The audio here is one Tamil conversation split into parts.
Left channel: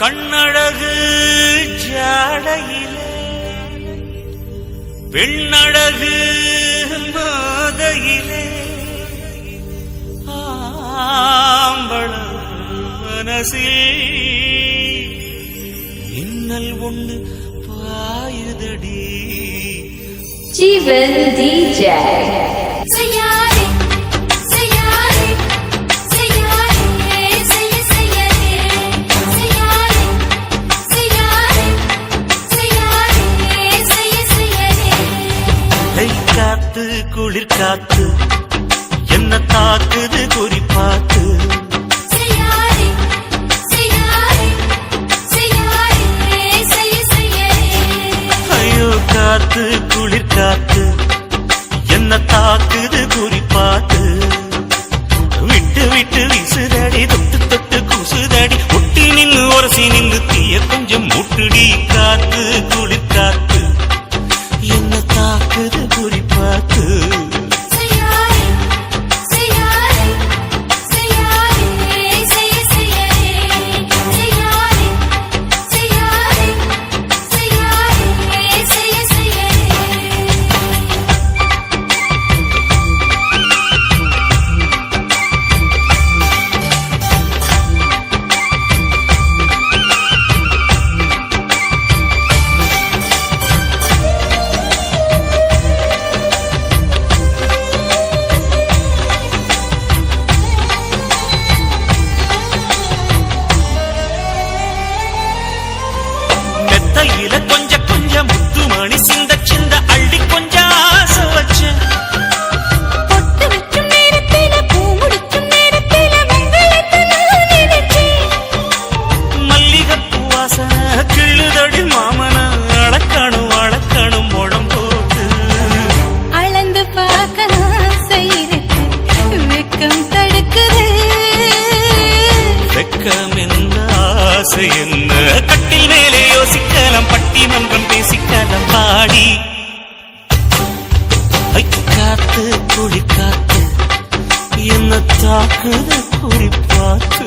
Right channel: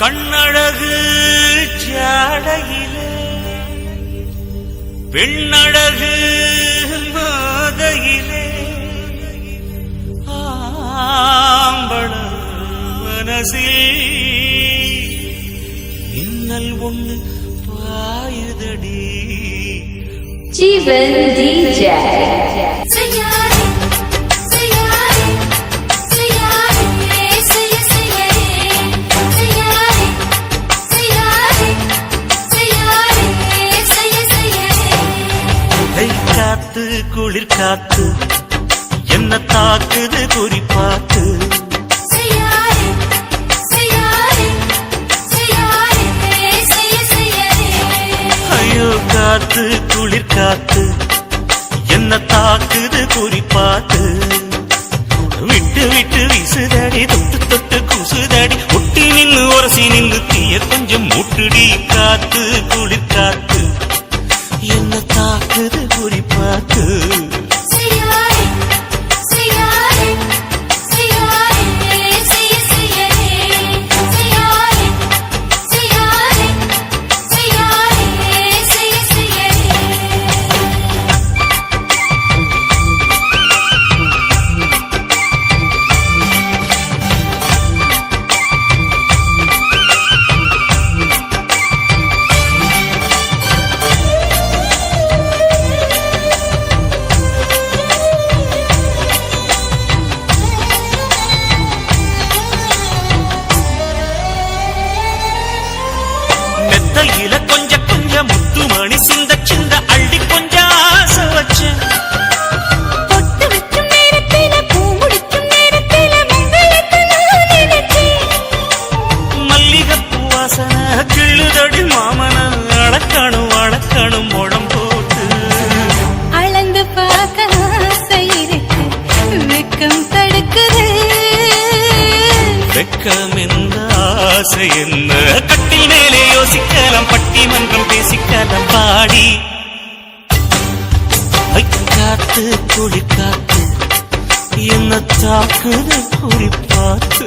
கண்ணழகு ஜாடையிலே பெண்ணழகு மாதையிலே ஆம்பள மனசே மின்னல் ஒண்ணு பாயுதடி. ஜீவன் DJ குளிர் காத்து என்ன தாக்குது குறி காத்து ஐயோ காத்து குளிர் காத்து என்ன தாக்குது குறி பார்த்து விட்டு விட்டு வீசுதாடி தொட்டு தொட்டு குசுதாடி முட்டி நின்று உரசி நின்று தீய கொஞ்சம் முட்டுடி. காத்து குளிர் காத்து என்ன தாக்குது குறி பார்த்து என்ன கட்டில் மேலே யோசிக்கலாம் பட்டிமன்றம் பேசிக்கலாம் பாடி. காத்து குடி காத்து என்ன தாக்குது குடி காத்து.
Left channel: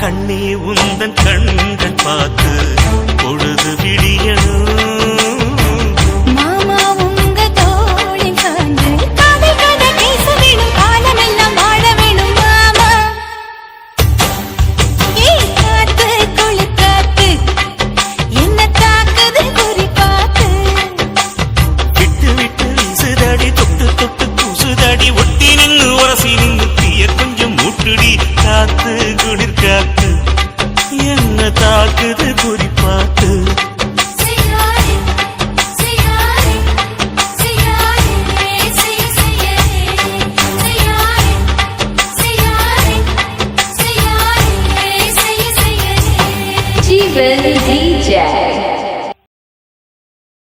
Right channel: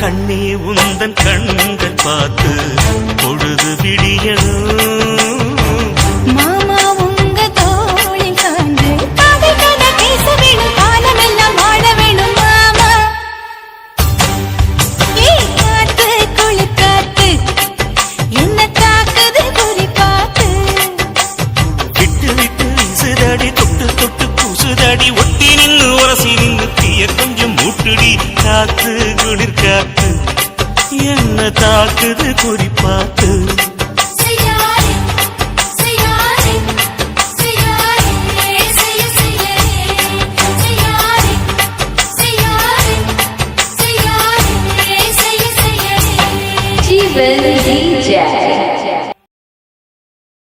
கண்ணே உந்தன் கண்கள் பார்த்து பொழுது விடியணும். மாமா உங்க தோழி கண்டு கதை கதை பேச வேணும் காலம் எல்லாம் வாழ வேணும் மாமா. காத்து குளிர் காத்து என்ன தாக்குது குறி காத்து. விட்டு விட்டு வீசுதடி தொட்டு தொட்டு பூசுதடி ஒட்டி நின்று உரசி நின்று தீய கொஞ்சம் மூட்டுடி. காத்து குளிர் காத்து என்ன தாக்குது குறி பார்த்து. Jeevan DJ